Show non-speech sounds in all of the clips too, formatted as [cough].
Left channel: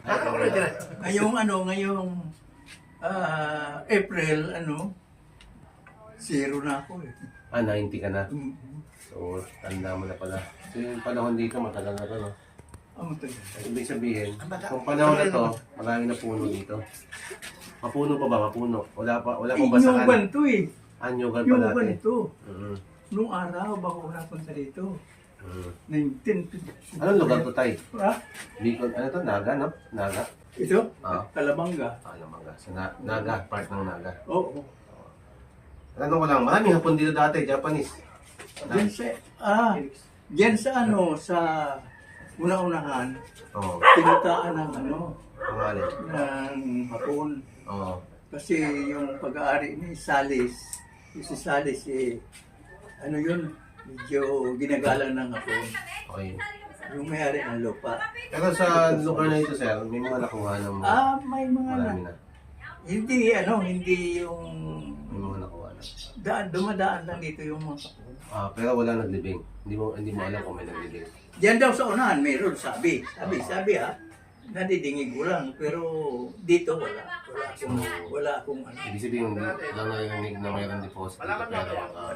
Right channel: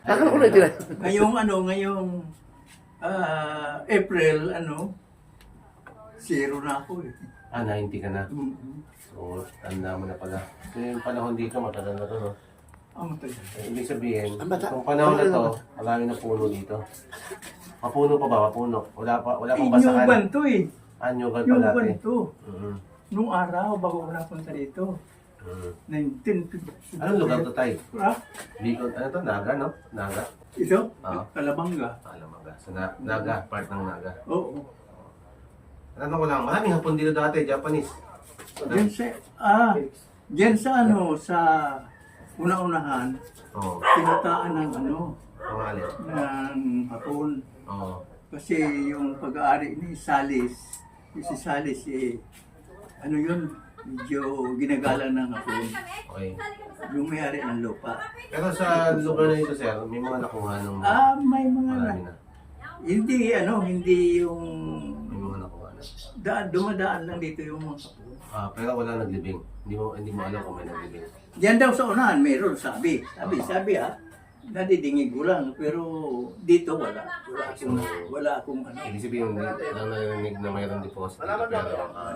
Nakaulit yun. Ngayong ano, ngayong ah, April, ano, zero na ako eh. Ah, 90 ka na. Mm-hmm. So, tanda mo na pala. Kasi yung panahon dito, matagal na to, no? Ang matagal. Ibig sabihin, Ang bata- kung panahon na to, marami na puno dito. Mapuno pa ba? Mapuno. Wala pa, wala pang Inyuban basakan. to eh. Anyugan pa Inyuban dati. to. Mm-hmm. Nung araw, bago ko napunta dito. Mm. 19... Anong lugar to, Tay? Ha? Bicol, ano to? Naga, no? Naga? Ito? Ah. Kalabanga. Alam Naga. Sa na, Naga, part ng Naga. Oo. Ano ko lang, maraming hapon dito dati, Japanese. Diyan sa... Ah, diyan sa ano, sa una-unahan, Oo. tinataan ng ano, Pangalan. ng hapon. Oo. Kasi yung pag-aari ni Salis, yung si Salis eh, ano yun, medyo ginagalang ng hapon. Okay. Yung may-ari ng lupa. Pero sa lugar na ito, sir, may mga nakuha ng Ah, may mga na. marami na. Hindi ano, hindi yung May mga nakuha na. daan, dumadaan lang dito yung mga hapon. Ah, pero wala naglibing. Hindi mo hindi mo alam kung may naglibing. Diyan daw sa unahan, mayroon sabi. Sabi, sabi ha. Nadidingig ko lang, pero dito wala. Wala akong, wala akong ano. Ibig sabihin, narinig na mayroong deposit dito, pero ah,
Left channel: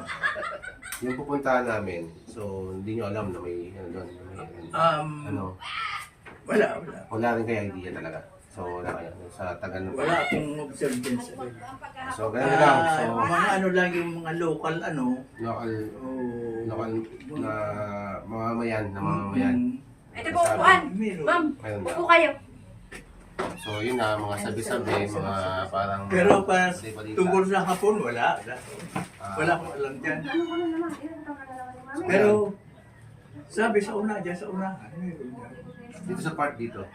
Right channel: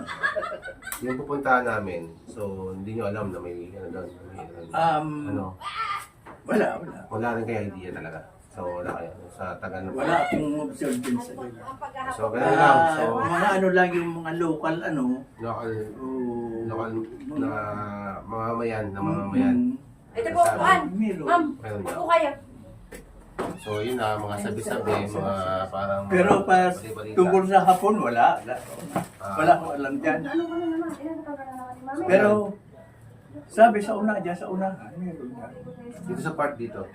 yung pupuntahan namin, so hindi nyo alam na may ano doon, may Um, ano, wala, wala. wala rin kaya idea talaga. So wala kaya, sa tagal na Wala akong observe din sa ganyan. So ganun lang, Ah, so mga ano lang yung mga local ano. local, Oh, local na mamamayan, na mamamayan. Mm, Ito po, meron. Ma'am, daw. upo kayo. So yun na, mga sabi-sabi, mga parang... Pero pa balita-balita. tungkol sa hapon, wala. Wala, Ah, wala akong alam dyan. Pero sabi sa una, dyan sa una, meron dyan. Dito sa part dito,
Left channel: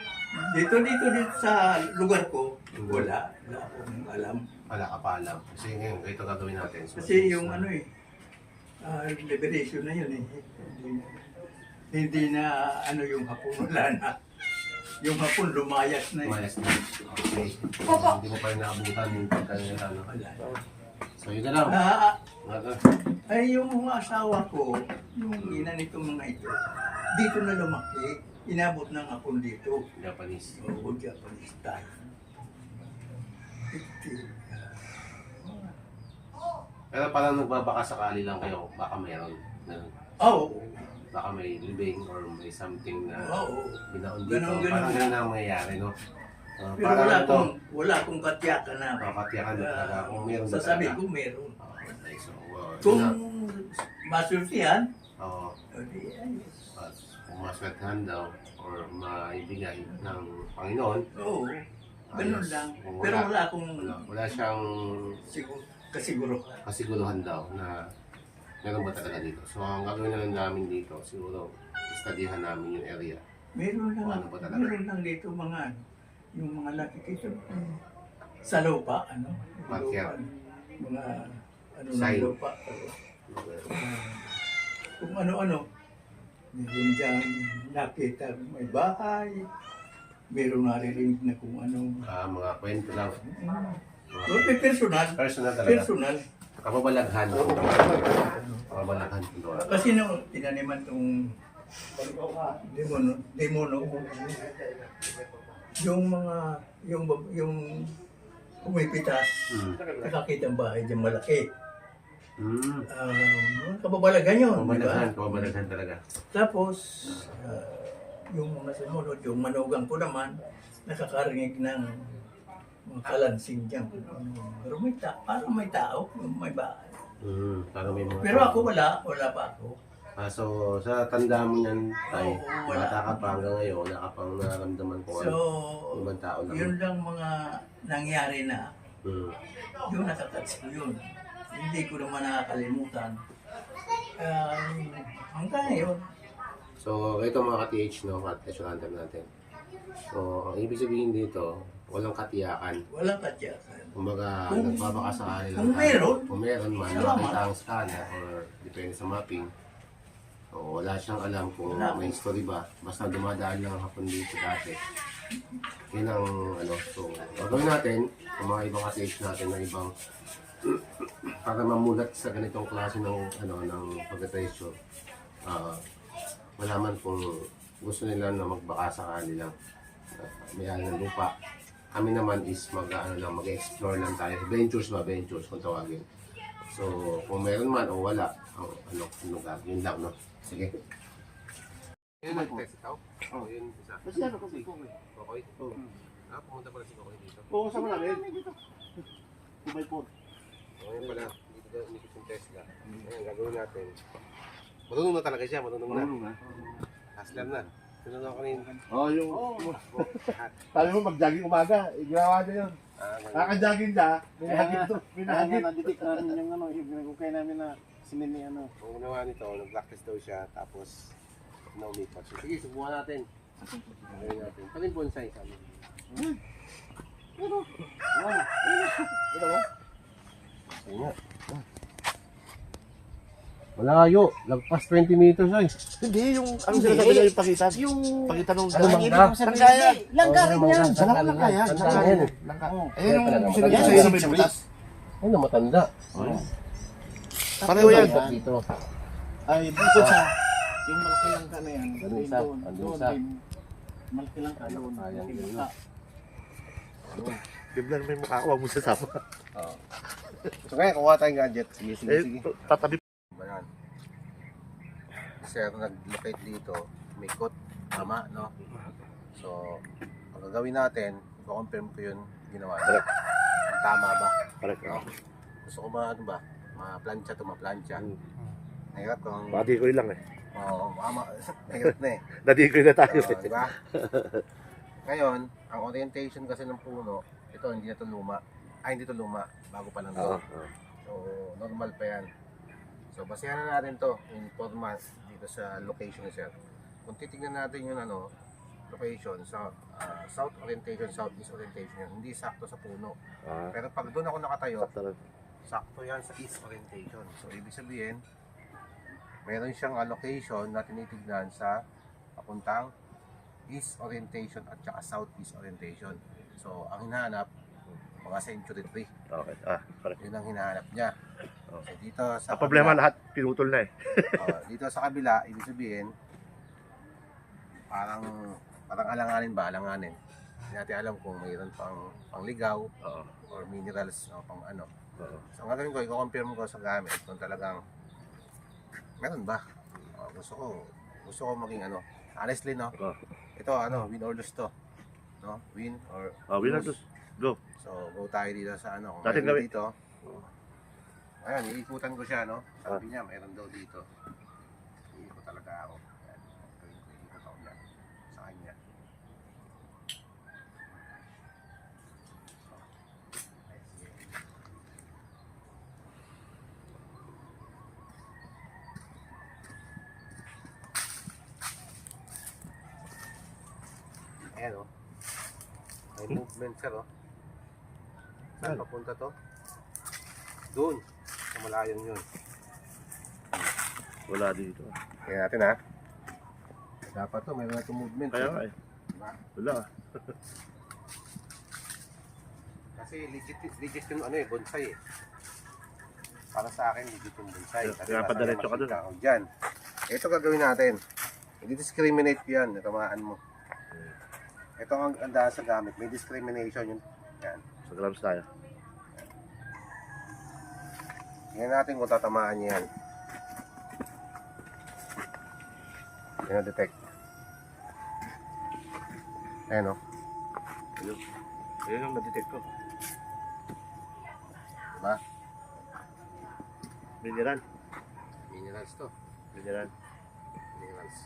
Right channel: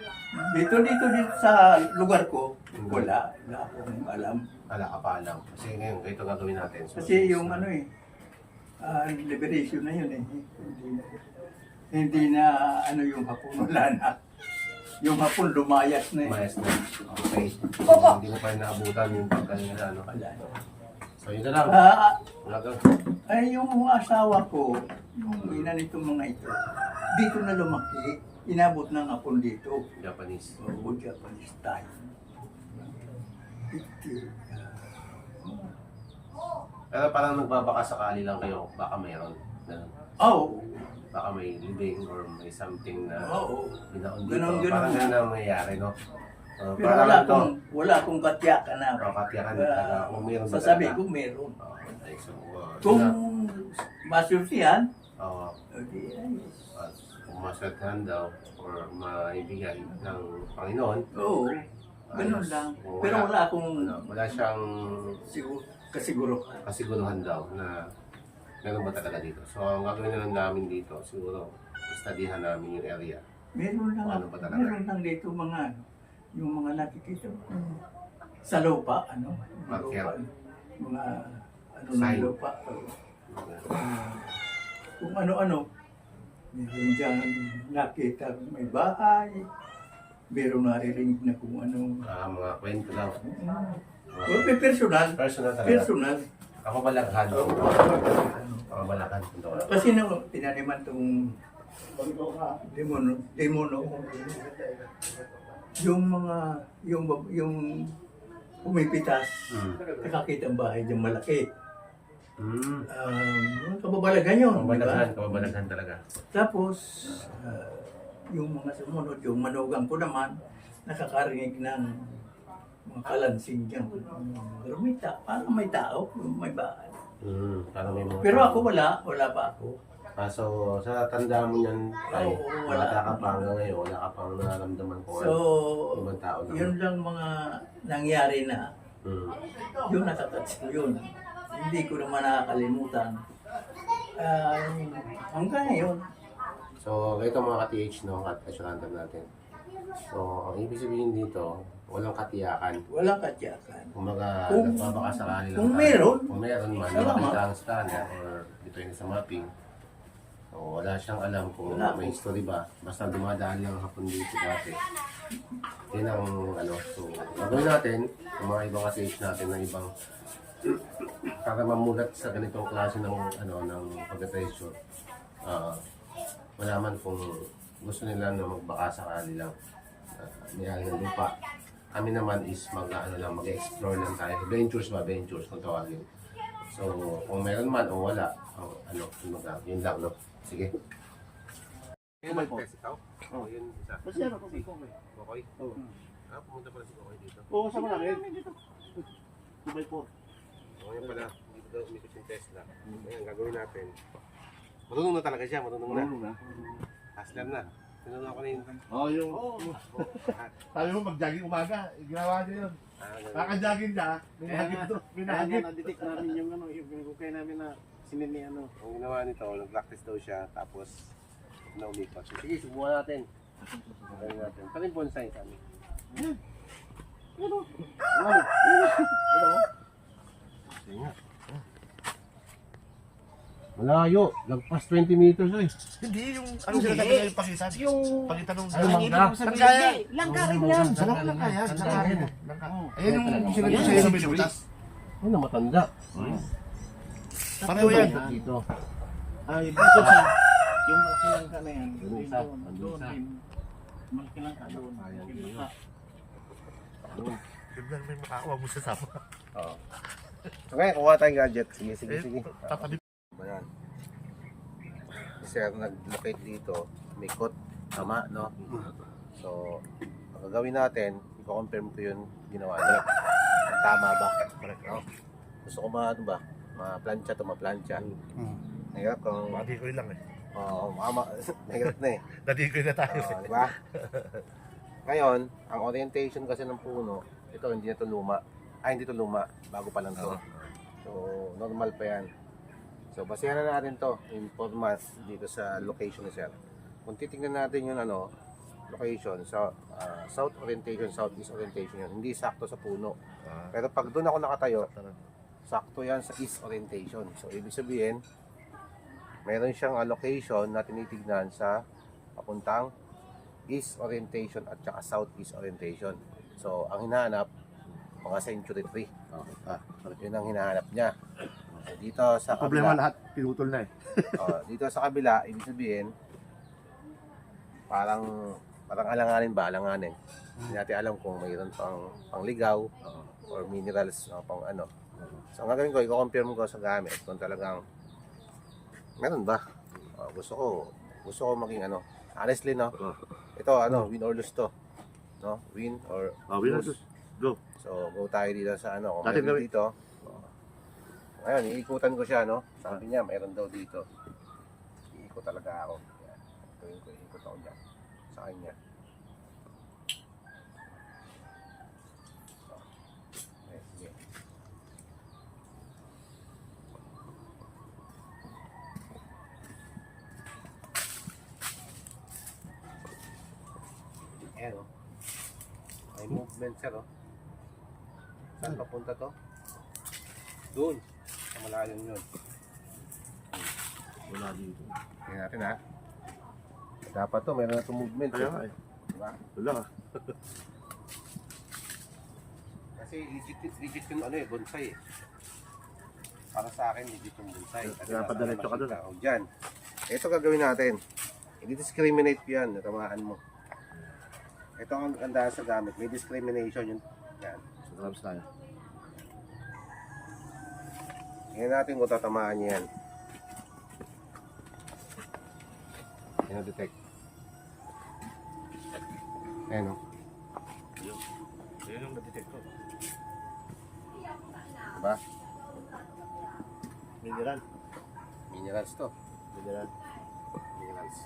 Dito, dito, dito sa lugar ko, wala. Wala akong alam. wala ka pa alam. Kasi ngayon, ito gagawin natin. So, Kasi yung ano eh, ah, liberation na yun eh. Hindi na, hindi na ano yung hapon, wala na. Yung hapon lumayas na eh. Mayas na. Okay. Hindi mo pa rin naabutan yung pagkanila, ano. Wala. So yun na lang. Ah, Wala ka. ay yung mga asawa ko, yung ina nitong mga ito, dito na lumaki. Inabot ng hapon dito. Japanese. Oo, Japanese style. Ito, Pero parang nagbabaka sakali lang kayo, baka meron. Ganun. Oh, Baka may living or may something na oo. binaon dito. Ganon, ganon. Parang yun ang mangyayari, no? Uh, Pero parang wala ito, akong, wala akong katyakan na. oh, katiyakan na talaga. Ah, Kung meron ba sasabi talaga. ko meron. Okay, so, uh, Kung yun na. masultihan, at kung maswertehan daw or maibigay ng Panginoon, oo. Ganun ayos. lang. Kung Pero wala akong wala, wala siyang siguro, kasiguro. kasiguruhan daw na meron ba talaga dito. So, ang gagawin na lang namin dito, siguro, studyhan namin yung area. Meron lang, ano ba talaga? meron lang dito mga, yung mga nakikita ko sa lupa, ano? yung Marker. lupa, Mga, ano Sign. ng lupa. Kung ano-ano. Meron dyan nakita may bahay. Meron naririnig na kung ano. Ah, mga kwento lang. Oh, may personal. Personal talaga. Personal. Kapabalaghan. Kapabalaghan. Kasi no, tinaniman tong demono, demono. Yung mga, yung, yung pumipitas, Hmm. nakakita ang bahay dyan malaki. Hmm. Um, kababalagan yun, di ba? Kapabalaghan. Kapabalaghan talaga. Tapos, ah, yung mga sumunod, yung manugang ko naman, nakakarinig ng mga kalansing dyan. Pero may, ta parang may tao, may bahay. Hmm. Parang may mga... Pero ako wala, wala pa ako. Ah, so, sa tanda mo niyan, ay, Oo, wala. bata ka pa hanggang ngayon, wala ka pang nararamdaman ko So, ano. Ibang tao lang. yun lang mga nangyari na, Hmm. yun nakatouch ko yun. Hindi ko naman nakakalimutan. Ah, hanggang ngayon, So, ito mga ka-TH, no, ka-TH random natin. So, ang ibig sabihin dito, walang katiyakan. walang katyakan. Kumbaga, Kung- nagpapakasakali lang kung tayo. meron, Kung meron man, salamat. nakita ang scanner or depende sa mapping. So, wala siyang alam kung Wala. may history ba. Basta dumadaan lang ang hapon dito dati. Yun ang ano. So, gagawin natin, yung mga ibang ka-TH natin na ibang [clears throat] para mamulat sa ganitong klase ng ano ng pagka-treasure. Ah, malaman kung gusto nila na magbaka sakali lang. May ng lupa. Kami naman is mag, ano lang, mag-explore lang tayo. Ventures ba? Ventures kung tawagin. So, kung meron man o wala, ang ano, yun lang, yun lang, no? Sige. Yun ang test ikaw? Oo, yun isa. Kasi ano, kung kung Kokoy? Oo. Ah, pumunta pala si Kokoy dito. Oo, kasama namin. 2 by 4. Oo, yun pala. Dito daw unikot yung Tesla. Ngayon, gagawin natin. Marunong na talaga siya, marunong na. na. Hustler na. Tinunod ko rin. Oo, yung... [laughs] Sabi mo mag-jogging umaga, eh, ginawa niya yun. Ah, ganun. Kaka-jogging na, nga, to. Nahagip. na-detect namin yung ano, yung pinagkukay namin na sinini ano. Ang ginawa nito, nag-practice daw siya, tapos na umikot. So, sige, subukan natin. Gawin natin. Pati bonsai sa amin. Ano? Ano mo? Sige nga. Malayo. Lagpas 20 meters ay. Hindi, yung... Ang sinasabi ko yung pakita. Yung... Pakita nung... Ano bang da? Langga rin yan. Sarap lang kaya. Tanda Sarap. yan. Ayun Kaya pala yung sa'yo sa yan, may butas. Ano, matanda. Pareho yan. Ito dito. Ay, bukod sa yung malaki langga na yan. Ano yun isa? doon, Ano doon isa? din. Malaki langga doon. Ah, yan, Malaki yun. langga. Biglan may mukha. Huwag mo sasama. Oo. So ngayon, kuha tayong gadget. Sige, sige, Eh, sige. tatabi. Kasi ako nag-locate dito, may code, tama, no? So, ang gagawin natin, i-confirm ko yun ginawa niya. Kung tama ba? Correct. No? Gusto ko ma, ano ba, ma-plancha to, ma-plancha. Nahirap kung, Nadikoy lang eh. oo, mama, [laughs] nahirap na eh. [laughs] Nadikoy na tayo. Oo, di ba? [laughs] Ngayon, ang orientation kasi ng puno, ito hindi na to luma. Ay, hindi to luma, bago pa lang to. So, normal pa yan. So, basehan na natin to in format dito sa location ni Sir. Kung titingnan natin yung ano, location sa ah, south orientation, southeast orientation yan. Hindi sakto sa puno. Pero pag doon ako nakatayo, sakto yan sa east orientation. So, ibig sabihin, mayroon siyang allocation na tinitignan sa papuntang east orientation at saka southeast orientation. So, ang hinahanap, mga century tree. Okay. Ah, correct. Yun ang hinahanap niya. So, dito sa Ang problema kabila, lahat, pinutol na eh. [laughs] oh, dito sa kabila, ibig sabihin, parang parang alanganin ba? Alanganin. Hindi natin alam kung mayroon pang pangligaw Oo. or minerals o pang ano. Oo. So, ang gagawin ko, i-confirm ko sa gamit kung talagang meron ba. Oh, gusto ko, gusto ko maging ano, honestly no, ito ano, win or lose to. No? Win or Ah, winner lose. Go. So, go tayo dito sa ano. Kung dito. Ngayon, iikutan ko siya, no? Sabi niya, mayroon daw dito. Iikot talaga ako. Yan. Gawin ko, iikot ako dyan. Sa kanya. Sige. Ayan, oh. May movement siya, oh. Saan papunta to? Doon. Sa malayong yun. Wala dito. Tingnan natin ha. Dapat to, meron na itong movement. Kaya eh. nga eh. Diba? Wala. [laughs] Kasi legit, legit yung ano eh, bonsai eh. Para sa akin, legit yung bonsai. Kaya- Kasi kaya padiretso ka ako Dyan. Ito gagawin natin. Hindi discriminate yan. Tamaan mo. Ito ang andahan sa gamit. May discrimination yun. Yan. Sa grams tayo. Tingnan natin kung tatamaan niya yan. Yan detect. Ayan o. Yan ang nadetect ko. Diba? Mineral. Minerals to. Mineral. Minerals.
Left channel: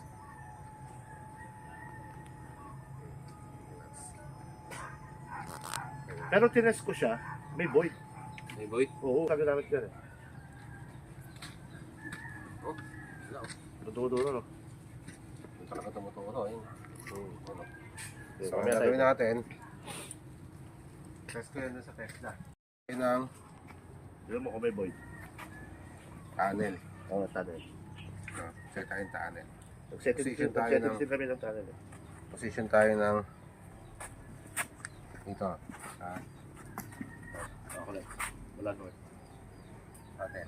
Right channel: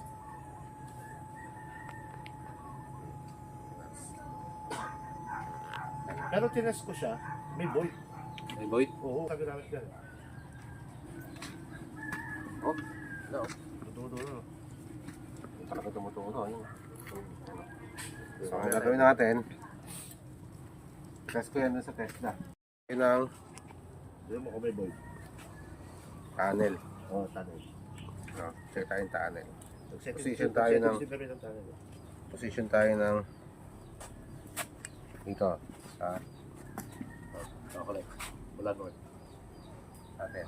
Pero tinest ko siya, may void. Hey boy. Oo, namin dyan eh. Oh, no. Dududo no. Yung talaga tumuturo. Yun. Ano. So, So, ang gagawin natin, test ko yan sa test na. Yun ang Yun mo kung may void. tunnel. Oo, tunnel. No? Check tayo yung tunnel. Position tayo ng- tunnel eh. Position tayo ng dito sa Okay. Wala naman. atin.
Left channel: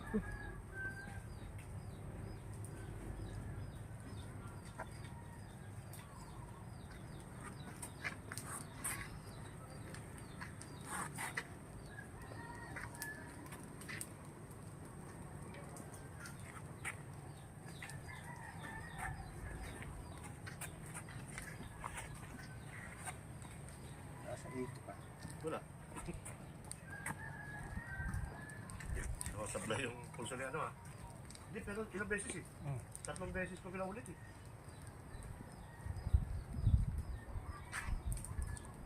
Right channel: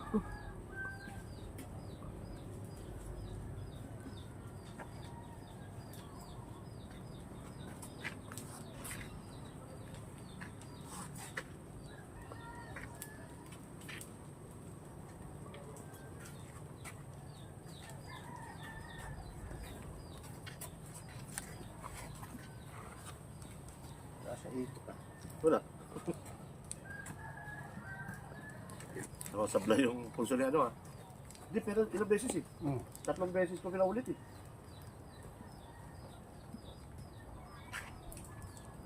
Wala. Nakasabla yung pulso ni ano ah. Hindi, pero ilang beses eh. Hmm. Tatlong beses ko pinaulit eh.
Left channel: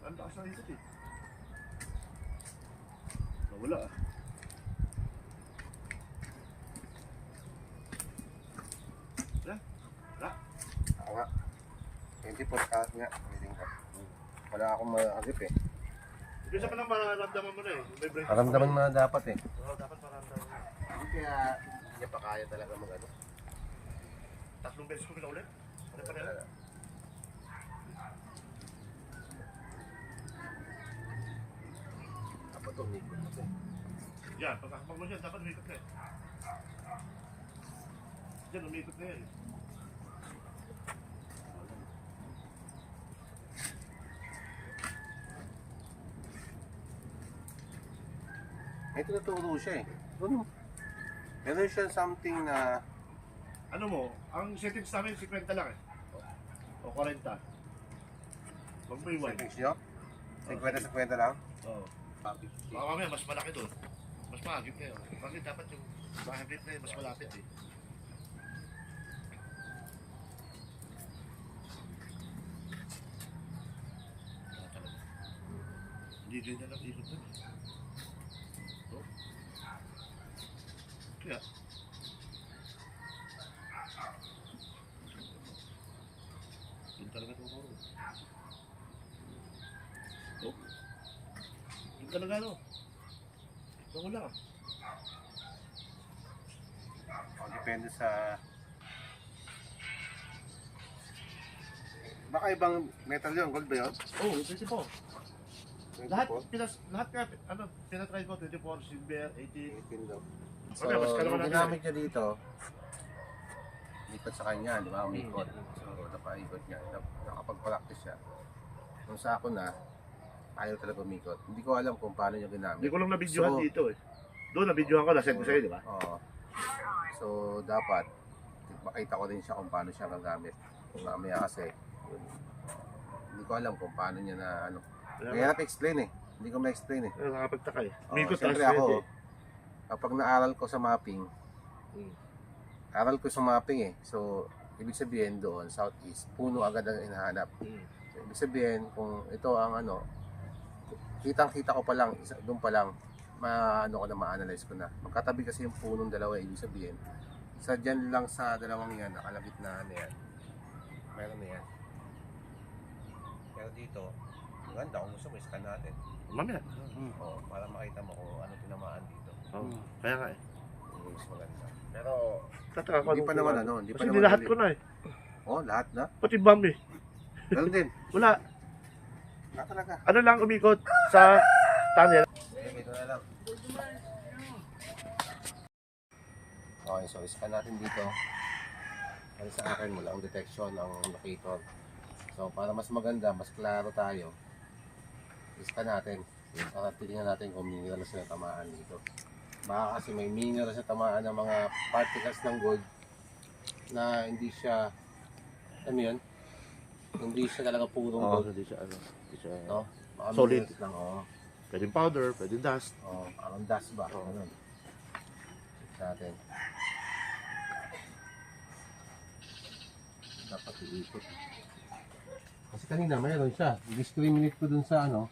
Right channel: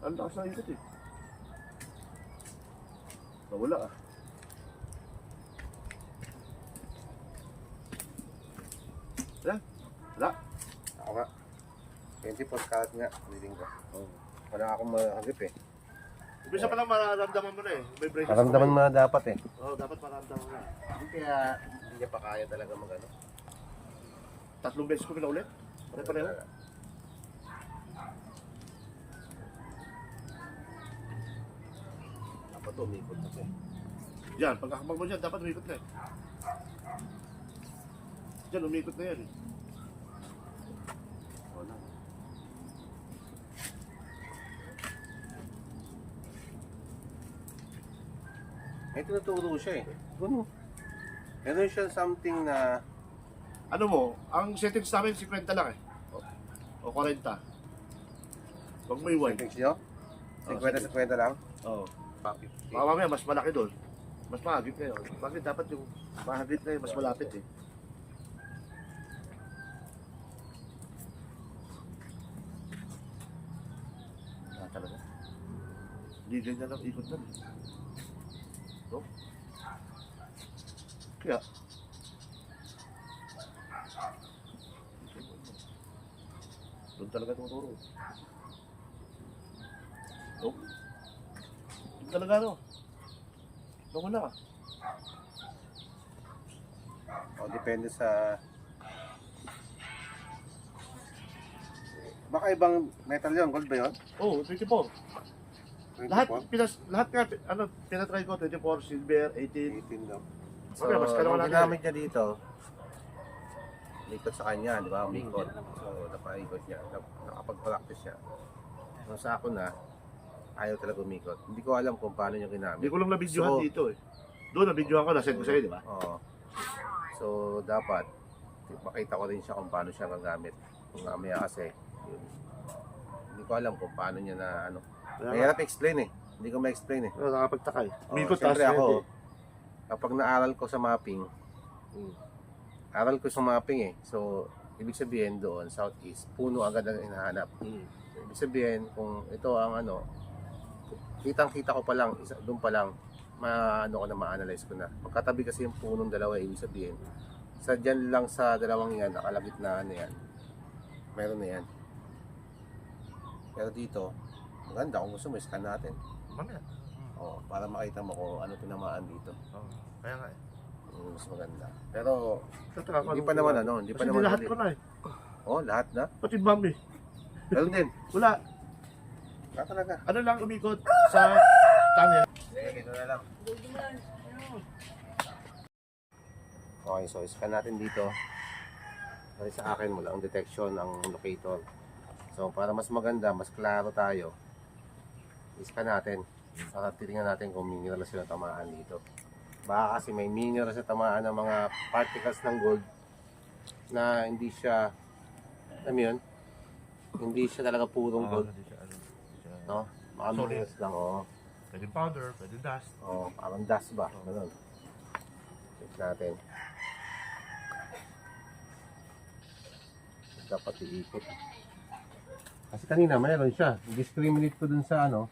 Ang lakas na ikot eh. Nawala ah. Wala? Wala? Ako nga. 24 karat nga. Reading ko. Wala akong makakagip eh. Ibig sa pala mararamdaman mo na eh. May break. Maramdaman mo na dapat eh. Oo, dapat mararamdaman mo na. Hindi kaya hindi niya pa kaya talaga mag ano. Tatlong beses ko pinaulit. Ano pa nila? Dapat umikot ako. Yan, pagkakabang mo dyan, dapat umikot na eh. Diyan, umikot na yan eh. Wala. May tinuturo siya eh. Ano? Meron siya something na Ano mo, ang settings namin 50 lang eh. O, o 40. Huwag mo iwan. settings nyo? 50 sa 50 lang? Oo. Baka mamaya mas malaki doon. Mas mahagip na yun. Bakit dapat yung mahagip na yun, mas malapit eh. Ah, talaga. Hindi ganyan ang ikot eh. No? Kaya, doon talaga tuturo. No? Doon talaga no? Doon wala ka. O, depende sa... Baka ibang metal yun, gold ba yun? Oo, oh, 24. 24? Lahat, pinas, lahat nga, ano, pinatry ko, 24, silver, 18. 18 daw. So, Okay, mas kalaman nung natin ginamit niya dito, ikot sa kanya, di ba? Umikot. So, napaikot niya. Nap- Nakapag-practice siya. Nung sa ako na, ayaw talaga umikot. Hindi ko alam kung paano niya ginamit. Hindi ko lang na-videohan So- dito eh. Doon na-videohan ko, na-send ko sa'yo, di ba? Oo. So, dapat, makita ko rin siya kung paano siya gagamit. Kung mamaya kasi, yun. Hindi ko alam kung paano niya na ano. Mahirap explain eh. Hindi ko ma-explain eh. kaya nakapagtaka eh. Syempre taas ako, ready. kapag naaral ko sa mapping, Mm. aral ko sa mapping eh. So, ibig sabihin doon, southeast, puno agad ang hinahanap. Mm. So, ibig sabihin, kung ito ang ano, kitang-kita ko pa lang, isa, doon pa lang, maano ko na, ma-analyze ko na. Magkatabi kasi yung punong dalawa, ibig sabihin, sa dyan lang sa dalawang yan, nakalagit na ano yan, meron na yan. Pero dito, maganda kung gusto mo, scan natin. Mamaya. O, para makita mo kung ano tinamaan dito. Oo. Kaya nga eh. Yung mas maganda. Pero, Tataka ko hindi pa naman ano, hindi pa Kasi naman. lahat ko na eh. Oh, lahat na? Pati bomb eh. Meron din. [laughs] Wala. Na talaga. Ano lang umikot sa tunnel. Sige, gito na lang. Okay, so scan natin dito. Kasi sa akin mula ang detection ang locator. So para mas maganda, mas klaro tayo, scan natin. Para titingnan natin kung mineral sila tamaan dito. Baka kasi may mineral sa tamaan ng mga particles ng gold na hindi siya, alam yun? Hindi siya talaga purong Oo, gold. hindi siya, ano, hindi siya. No? Mga Solid. minerals lang, oo. Pwedeng powder, pwedeng dust. Oh, parang dust ba? Ganun. Check natin. Dapat iikot. Kasi kanina mayroon siya. Discriminate ko dun sa ano.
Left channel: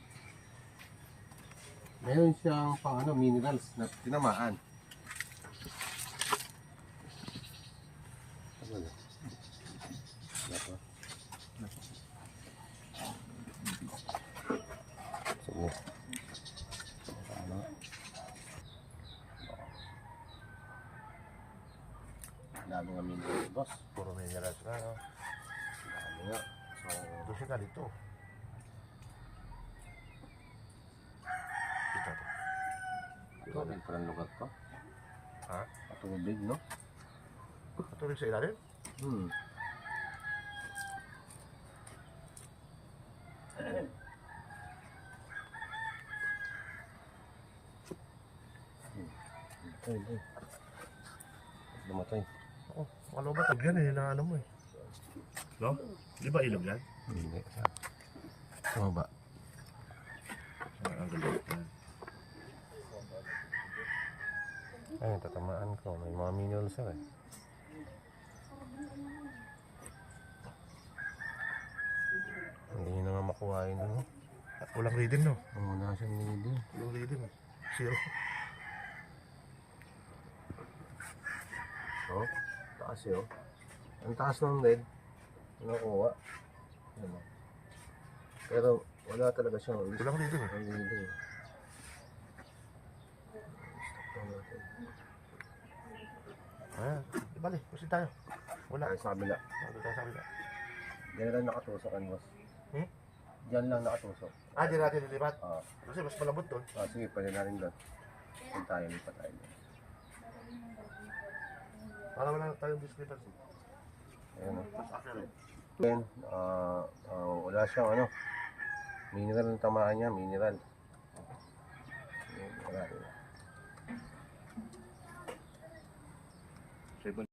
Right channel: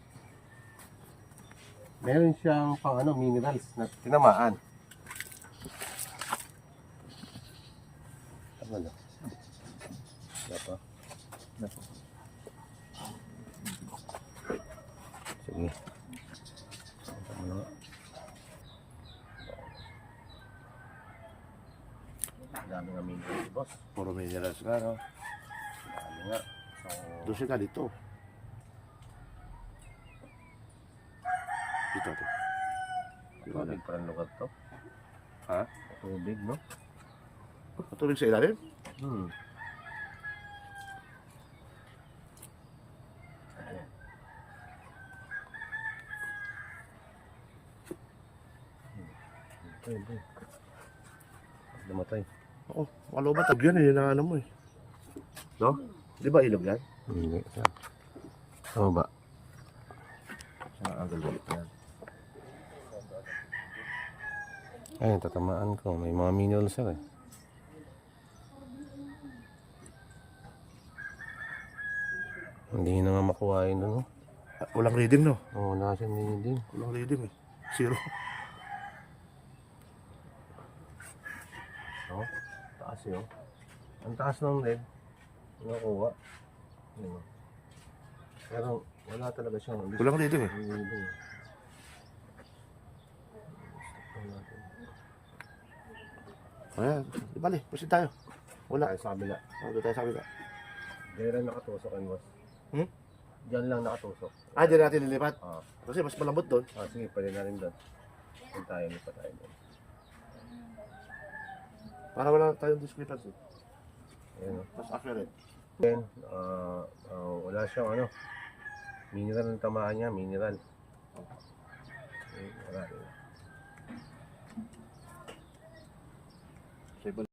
Meron siyang pang ano, minerals na tinamaan. Ano na? Ito. Sige. Ano? Dami nga minerals, boss. Puro minerals nga, no? Dami nga. So, Doon siya dito. Dito, to. tubig pa ng lugar to. Ha? Tubig, no? Matulog sa ilalim? Hmm. Namatay, boy. Namatay. Oo. Ano ba? Tag yan eh, yun ang ano mo eh. No? Di ba ilog yan? Hindi. Ano ba? Ah, ang galing. Ay, tatamaan ko. May mga minerals sir eh. Hindi na nga makuha yun doon. Ah, Walang reading no? Oo, oh, nasa nini din. Walang reading eh. Zero. Oh, taas yun. Ang taas ng lead. Nakuha. Oh. Pero wala talaga siyang list. Walang reading eh. Ang reading eh. Stop lang natin. Ayan, di bali, proceed tayo. Wala. Tayo sa kabila. Wala tayo sa kabila. Diyan lang nakatusok ang was. Hmm? Diyan lang nakatusok. Ah, dyan natin nilipat. Ah, Kasi mas malambot doon. ah sige, pwede na rin doon. Kung tayo, lipat tayo doon. Para wala tayong discrepancy. Ayan o. Mas accurate. Then, ah, ah, wala siyang ano, mineral ang tamaan niya, mineral. Wala rin. table